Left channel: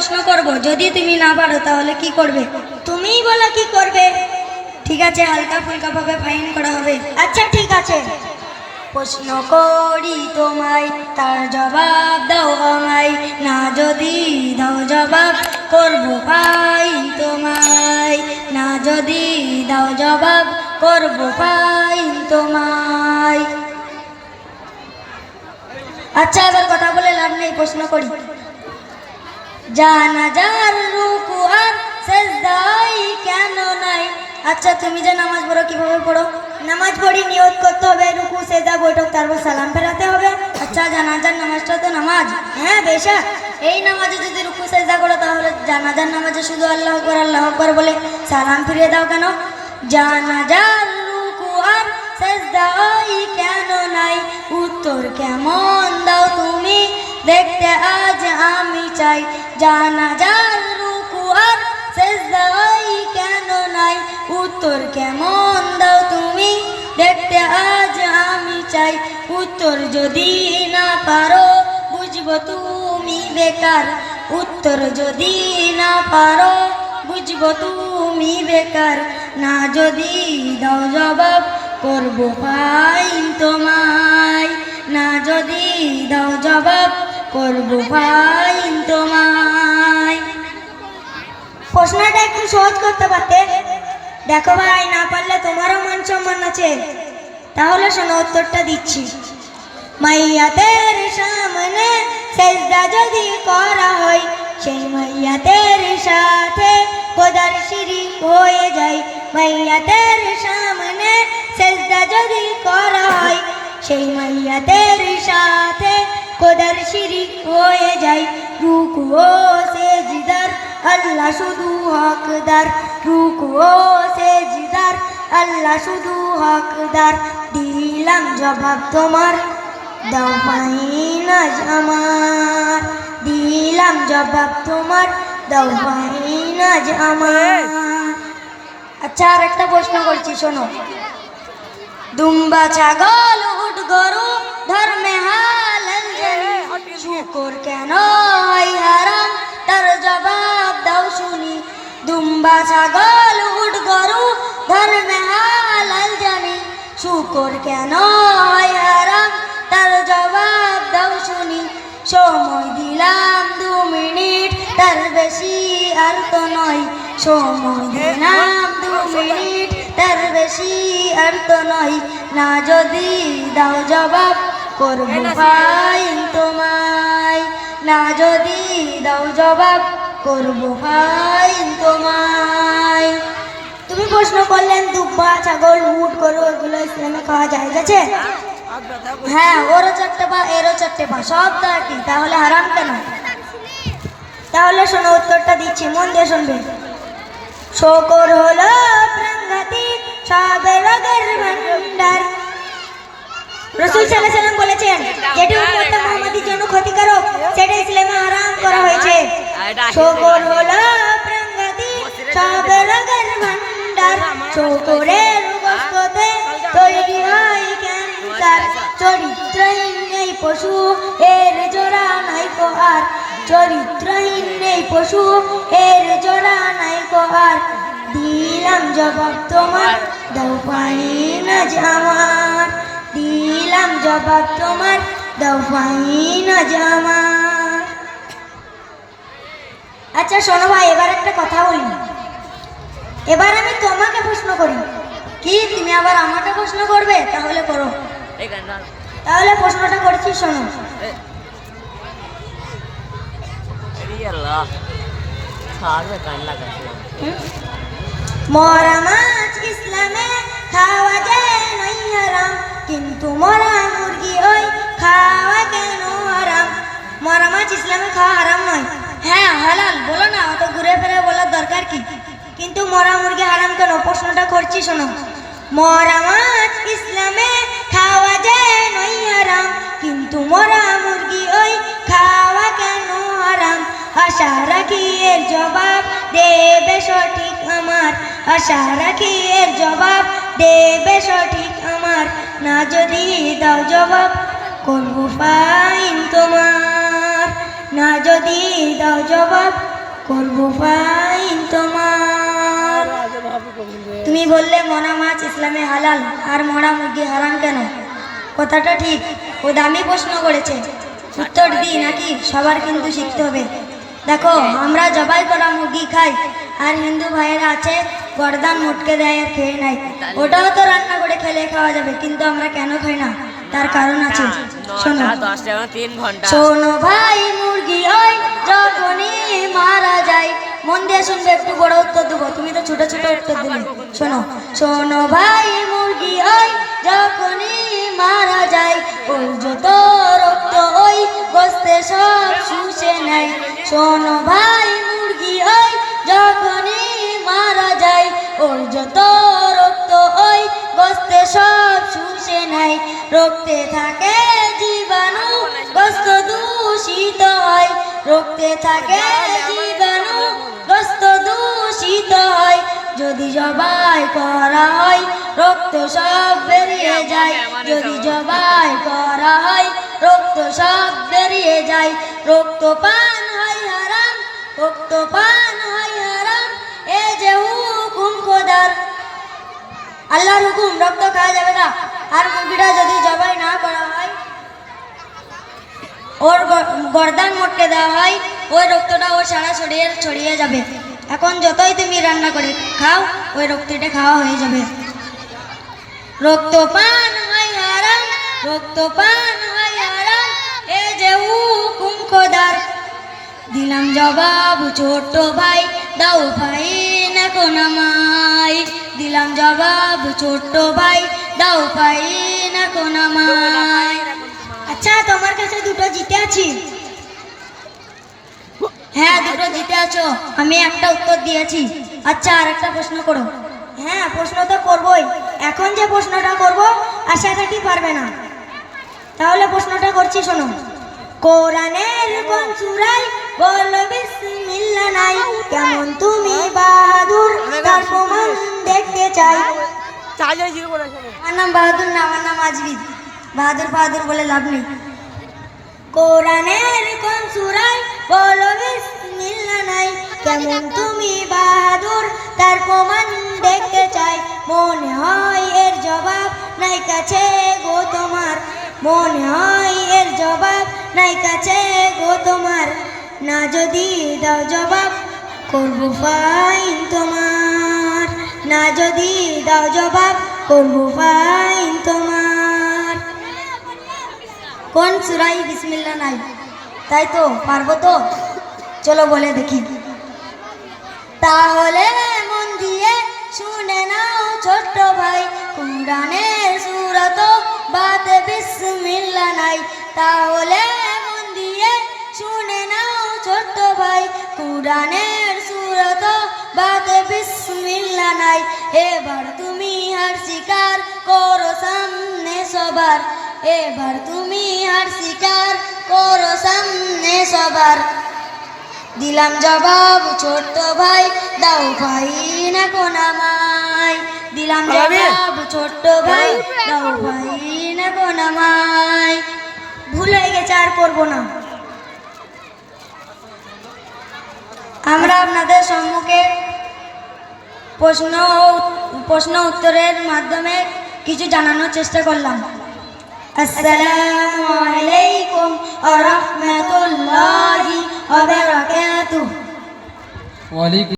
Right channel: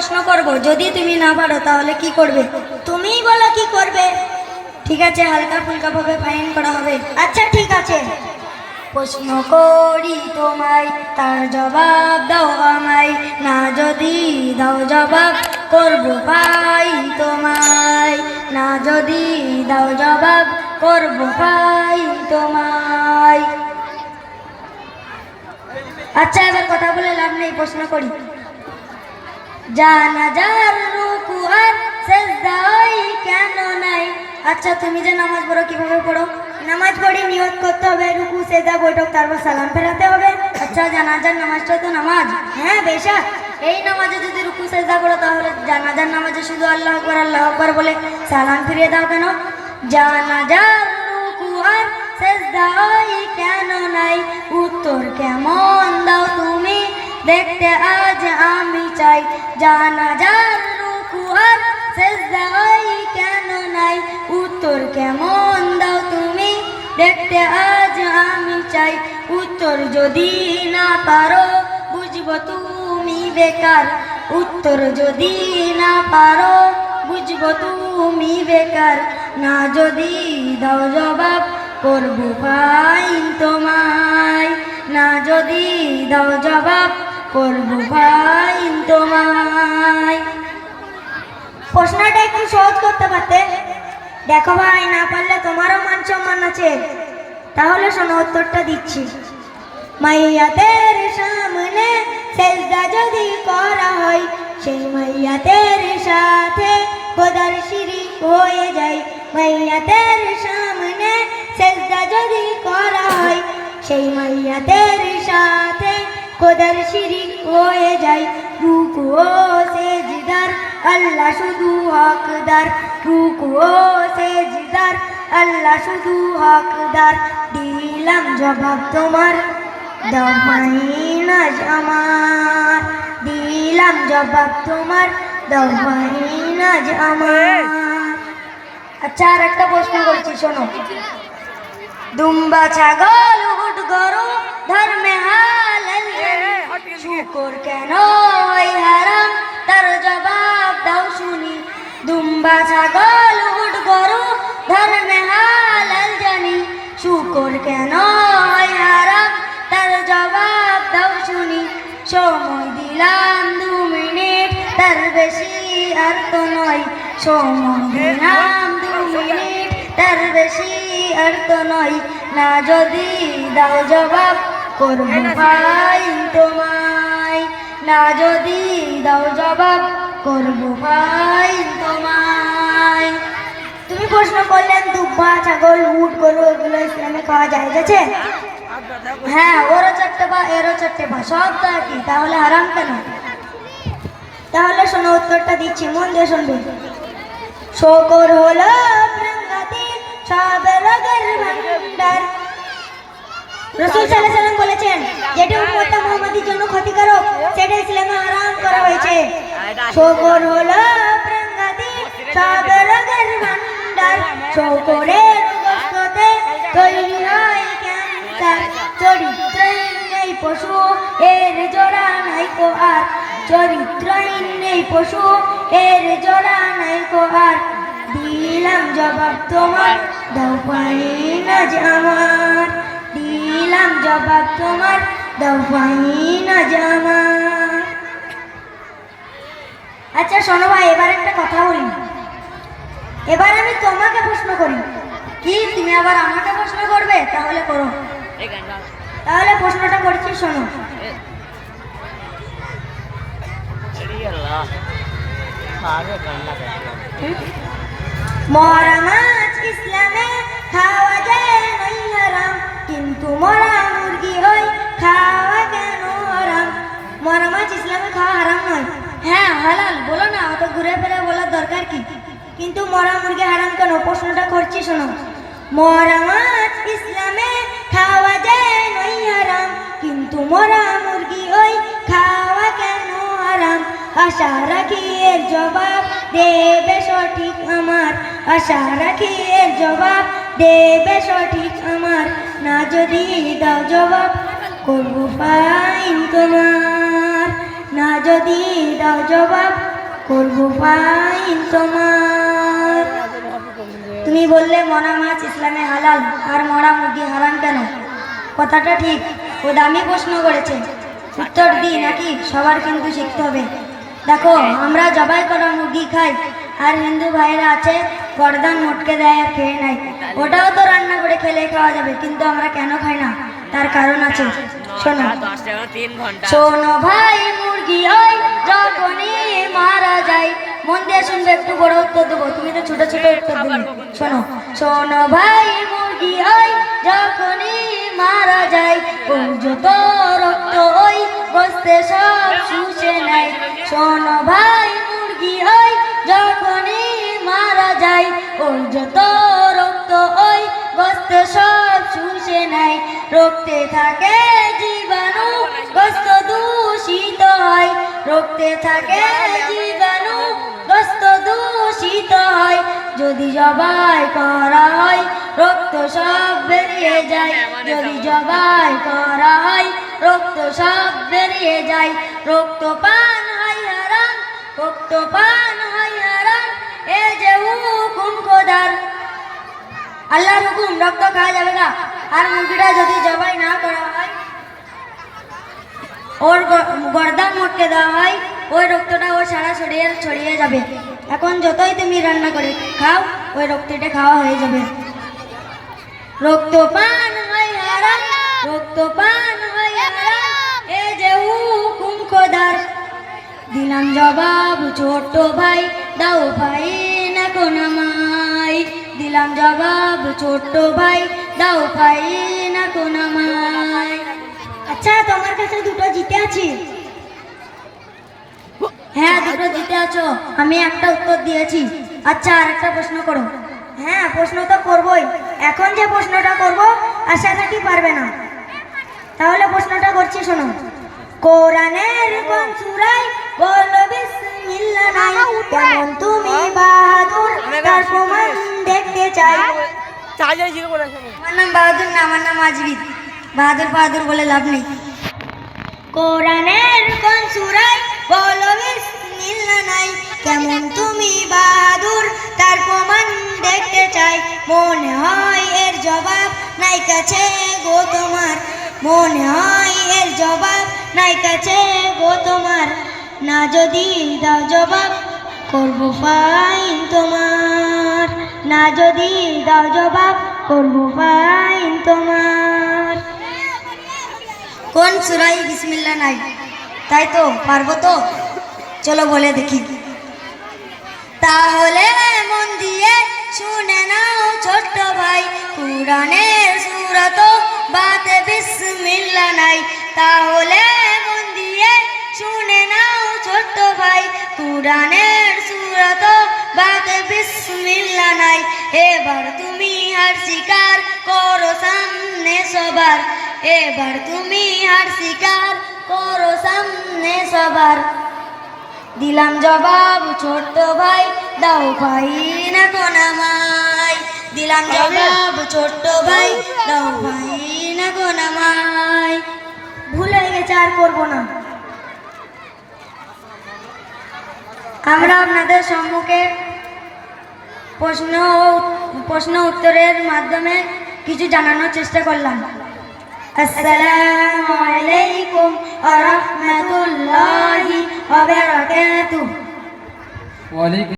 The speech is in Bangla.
প্রশ্ন করব, যদি তুমি না পারো তাহলে কি করবে? তুমিই বলো কি করবে। ঠিক আছে, হালকা ফুলকা ভাবে ফাইন করা হবে। আচ্ছা ঠিক আছে। প্রশ্ন করি তোমায়, তার জবাব দাও আমায়, না যদি দাও জবাব করব ফাইন তোমায়, না যদি দাও জবাব করব ফাইন তোমায়। আচ্ছা, এবার কথা বলে লাভ নেই, প্রশ্ন করি। জানাজার রুকু আর সেজদাই কেন নাই? আচ্ছা, তুমি যে নামাজ পড়ো কিভাবে পড়ো? নামাজ পড়ি, নিয়ত করতে হবে, রুকু সেজদা বৈঠক, তারপর সালাম ফেরাতে হবে। আচ্ছা, জানাজার নামাজটা তো নামাজ। হ্যাঁ বেশা। এই নামাজে যদি রুকু সেজদা করো তাহলে জানাজার নামাজে শুধু আল্লাহু আকবার বলে সালাম ফিরিয়ে দাও কেন? জানাজার রুকু আর সেজদাই কেন নাই? উত্তর কেমন দাও তুমি, দেখতে আজ আমি চাই। জানাজার রুকু আর সেজদাই কেন নাই? উত্তর কেমন দাও তুমি, দেখতে আজ আমি চাই। উত্তর যদি না পারো বুঝবো তুমি বেকার, উত্তর যদি না পারো বুঝবো তুমি বেকার, না যদি দাও জবাব করবো ফাইন তোমায়, না যদি দাও জবাব করবো ফাইন তোমায়। প্রশ্নটা একটু সহজ করতে পারতে। দেখো ভাই, না পারলে তোমারও মান সম্মান আছে। তাহলে শোনো, উত্তরটা দিচ্ছি। মাইয়াতের সামনে সেজদা যদি করা হয়, সেই মাইয়াতের সাথে খোদার শিরিক হয়ে যায়। মাইয়াতের সামনে সেজদা যদি করা হয়, সেই মাইয়াতের সাথে খোদার শিরিক হয়ে যায়। রুকু ও সেজদার আল্লাহ শুধু হকদার, রুকু ও সেজদার আল্লাহ শুধু হকদার। দিলাম জবাব তোমার, দাও ফাইন আজ আমার, দিলাম জবাব তোমার, দাও ফাইন আজ আমার। আচ্ছা, আর একটা প্রশ্ন করছি, শোনো। দুম্বা ছাগল উট গরু ধর্মে হালাল, শুকর কেন হয় হারাম, তার জবাব দাও শুনি। দুম্বা ছাগল উট গরু ধর্মে হালাল জানি, শুকর কেন হয় হারাম, তার জবাব দাও শুনি। সময় দিলাম 2 মিনিট, তার বেশি আর তো নয়। সময় দিলাম 2 মিনিট, তার বেশি আর তো নয়। না যদি দাও জবাব করবো ফাইন তোমায়, না যদি দাও জবাব করবো ফাইন তোমায়। তুমি প্রশ্ন করলেন দুব্বা ছাগল উট গরু এগুলো ইসলামে খাওয়া যায় আছে? হ্যাঁ, ওরও 4টে পা এরও 4টে পা, সব তো একই, তাহলে হারাম কেন? তাহলে শোনো, উত্তরটা দিচ্ছি, মন দিয়ে শুনবে। শকর হলো প্রাণঘাতী সব রোগের ভান্ডার। রাসূল সাল্লাল্লাহু আলাইহি ওয়াসাল্লাম বলেছেন, যেটা উম্মতে মুহাম্মাদীর জন্য ক্ষতিকারক সেটা ইসলামে হারাম করা হয়েছে। শকর হলো প্রাণঘাতী সব রোগের ভান্ডার, শকরের গোশতে তৈরি হয় ক্যান্সার। চরিত্রহীন এই পশু, এর জোড়া নাই কো আর, চরিত্রহীন এই পশু, এর জোড়া নাই কো আর। দিলাম জবাব তোমার, দাও ফাইন আজ আমার, দিলাম জবাব তোমার, দাও ফাইন আজ আমার। আচ্ছা শোনো ভাই, এবার একটা কথা বলি। এবার আমি তোমাকে প্রশ্ন করি। কি, তুমি আবার আমাকে প্রশ্ন করবে? তাহলে করো। তাহলে প্রশ্নটা করছি, শোনো। মরা মাছ ইসলামে খাওয়া যায় নাই হারাম, কিন্তু মরা মুরগি ওই খাওয়া কেন হারাম? মরা মাছ ইসলামে খাওয়া হারাম নয়। হ্যাঁ হালাল, বলো না, অত ঘুরে ফিরে বলার দরকার কি? কিন্তু মরা মুরগি হারাম কেন? প্রশ্নটা করছি, শোনো। মরা মাছ ইসলামে খাওয়া যায় নাই হারাম, কিন্তু মরা মুরগি ওই খাওয়া কেন হারাম? আশা রাখি এর জবাব দেবে সঠিক আমার, আশা রাখি এর জবাব দেবে সঠিক আমার। না যদি দাও জবাব করবো ফাইন তোমার, না যদি দাও জবাব করবো ফাইন তোমার। তুমি বললে মরা মাছ ইসলামে হালাল আর মরা মুরগি হারাম কেন? কথাটা ঠিক, ও দামি প্রশ্ন করেছে। উত্তর দিই নাকি? সবার কিন্তু শিখতে হবে। দেখো, আমরা জবাই করা মুরগি খাই, আর হিন্দু ভাইয়েরা আছে গর্দান মোটকে দেয় আর খেয়ে নেয়। ওটাও তো রান্না করে খেলে খাওয়া যাবে, কিন্তু আমরা কেন খাই না? তার কারণ আছে, শোনো। শোনো ভাই, মুরগি হয় যখনই মারা যায়। মন দিয়ে শুনবে, একটু বড় উত্তর দেবো, তুমি তো ছোট ছোট উত্তর দেবে। শোনো, শোনো ভাই, মুরগি হয় যখনই মারা যায়। ওর যত রক্ত ওই গোস্তে সব শুষে নেয়। শোনো ভাই, মুরগি হয় যখনই মারা যায়। ওর যত রক্ত ওই গোস্তে সব শুষে নেয়। রক্তে থাকে জীবাণু, গোস্ত দূষিত হয়। রক্তে থাকে জীবাণু, গোস্ত দূষিত হয়। যদি জবাই করা হয় রক্ত সব বেরিয়ে যায়। যদি জবাই করা হয় রক্ত সব বেরিয়ে যায়। রক্ত পান হয় হারাম, রক্ত পান হয় হারাম, এ যে হুকুম খোদার। আল্লাহর হুকুম, রক্ত খাওয়া যাবে না। আর মুরগিটা যদি জবাই না করা হয়, ওর গর্দান মোটকে দেওয়া হয়, ওই রক্তটা ও সারা শরীরে ছড়িয়ে যাবে। এখন যতই তুমি রান্না করে খাও, ওই রক্তটা খাওয়া হয়ে যাবে। রক্তপান হয় হারাম, রক্তপান হয় হারাম, এ যে হুকুম খোদার। দিলাম জবাব ছোট ভাই, দাও ভাই না কোন আমায়। দিলাম জবাব ছোট ভাই, দাও ভাই না কোন আমায়। আচ্ছা, তোমার কাছে দুটো জিতে আছি। হ্যাঁ, দুটো জিতে আছো। আমি একটা উত্তর দিয়েছি। আচ্ছা, আর একটা প্রশ্ন করো। হ্যাঁ, প্রশ্ন তো করবোই। এখন যে প্রশ্নটা করবো আশা করি পারবে না। তাহলে প্রশ্নটা করছি, শোনো। কোরআনের কোন সূরায় বলো বিসমিল্লাহ নাই? কেমন তুমি বাহাদুর, তার প্রমাণ দেখতে চাই। আমার নাম বাহাদুর না, আমার নাম আজমির। বাহাদুর বাহাদুর বলে লাভ নেই। কোরআনের কোন সূরায় বলো বিসমিল্লাহ নাই? কেমন তুমি বাহাদুর, তার প্রমাণ দেখতে চাই। মনে হয় এর জবাব নাই কাছে গো তোমার। মনে হয় এর জবাব নাই কাছে গো তোমার। না যদি দাও জবাব করবো ফাইন তোমার। না যদি দাও জবাব করবো ফাইন তোমার। কোন সূরায় বিসমিল্লাহ নাই? তাই তো, পারবো তো? চলো বলে দেখি। তাহলে মন দিয়ে শুনে নাও ছোট্ট ভাই, কুরআনের সূরা তো বাতে বিসমিল্লাহ নাই। তাহলে মন দিয়ে শুনে নাও ছোট্ট ভাই, কুরআনের সূরা তো বাতে বিসমিল্লাহ নাই। এবার তুমি হার স্বীকার করো সামনে সবার। এবার তুমি হার স্বীকার করো সামনে সবার। দিলাম জবাব ছোট্ট ভাই, দাও ভাই না কোন আমায়। দিলাম জবাব ছোট্ট ভাই, দাও ভাই না কোন আমায়। ভুল হয়ে গেছে, আর করবো না। আমরা আপনাদের সম্মুখে প্রশ্ন উত্তরের মাধ্যমে কিছু জানানোর চেষ্টা করলাম। আসসালামু আলাইকুম ওয়া রাহমাতুল্লাহি ওয়া বারাকাতুহু।